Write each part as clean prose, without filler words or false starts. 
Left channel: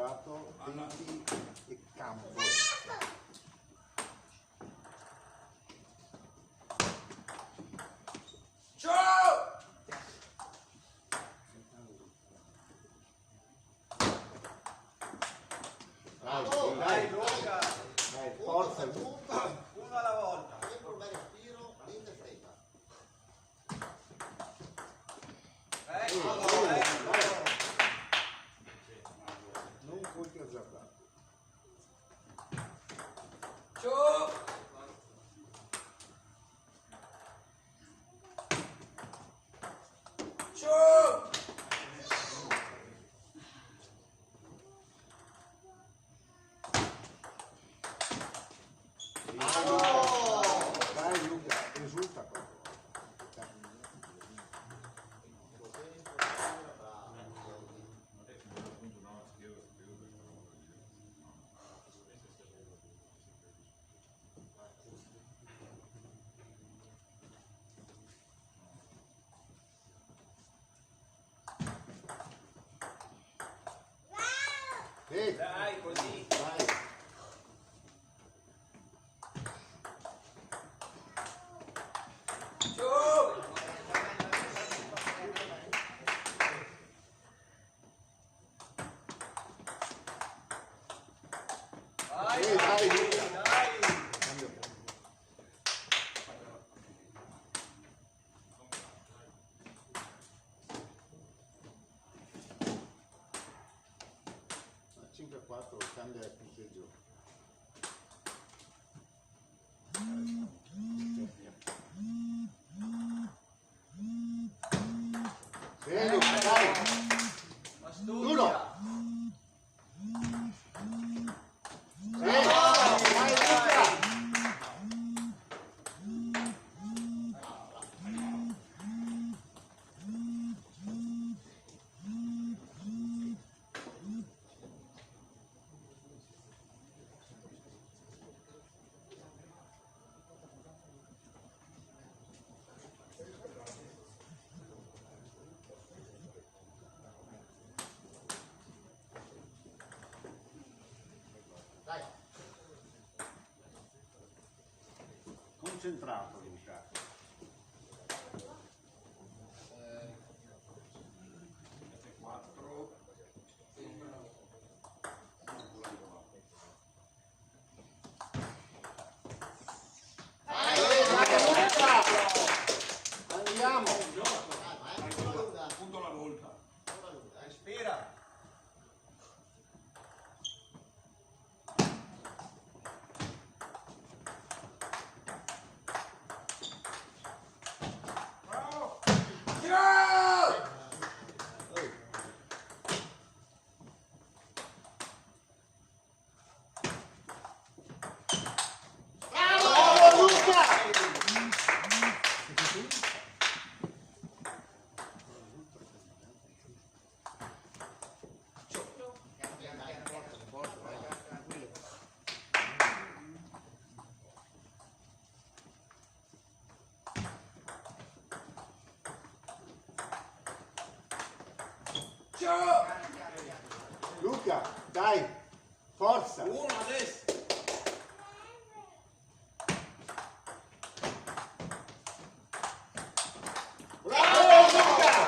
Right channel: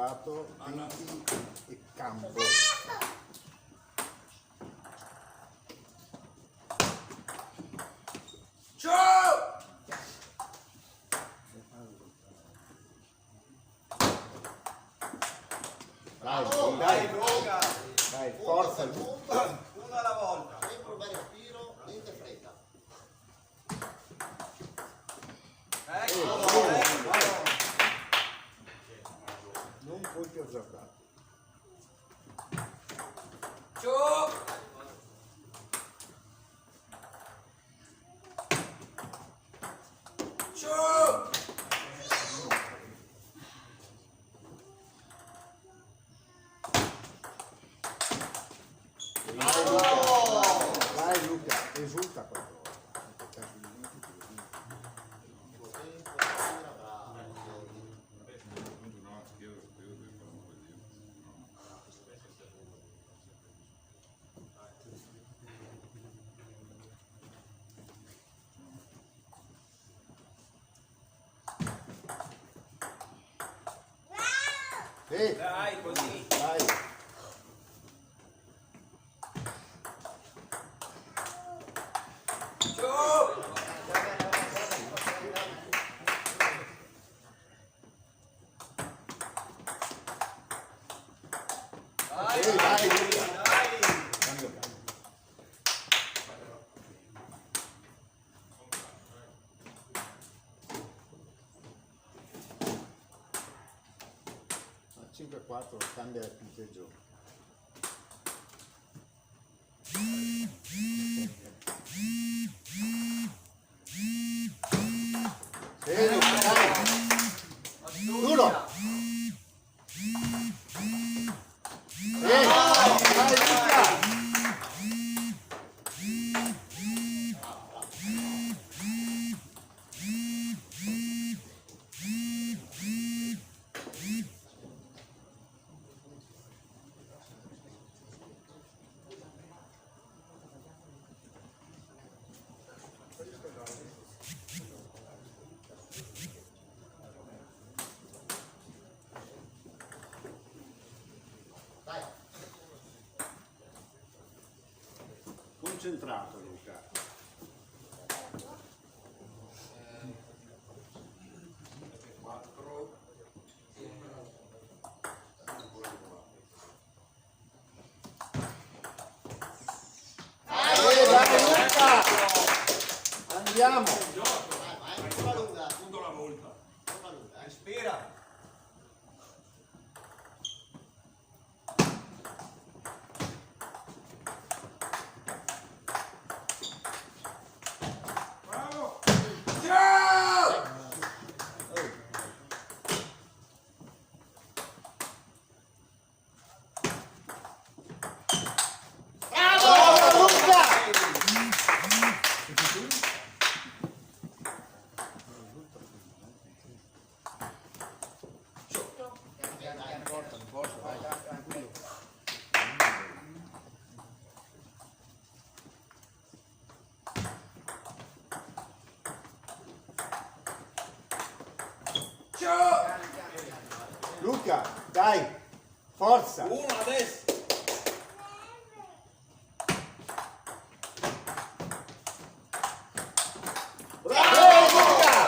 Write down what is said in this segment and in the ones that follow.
concentrato, tempi e campo. Dai, dai, dai, forza. Una alla volta. Sempre un bel respiro, niente fretta. Dai. Non colpi azzardati. Dai Luca, esulta qualcosa. Sì, Dai, così. dai. Sì, dai Luca. Cambio campo. A 5-4 cambia il punteggio. Sì, Luca, dai. Duro. Sì, dai Luca. Dai. Concentrato Luca. Dai Luca. Andiamo. Vai, vai. Una lunga. Punto alla volta. Una lunga, Respira. Bravo Luca. Luca, dai, forza. Uno adesso. Bravo Luca,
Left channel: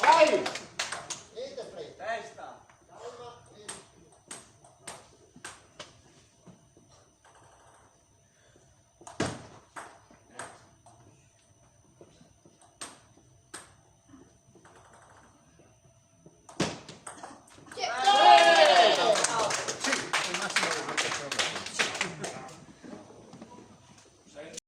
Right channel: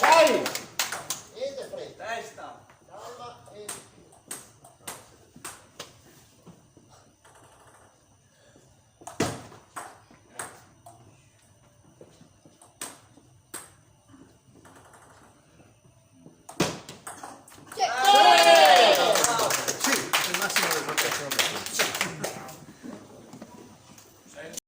dai. niente fretta. Testa. Calma e respiro. Sì,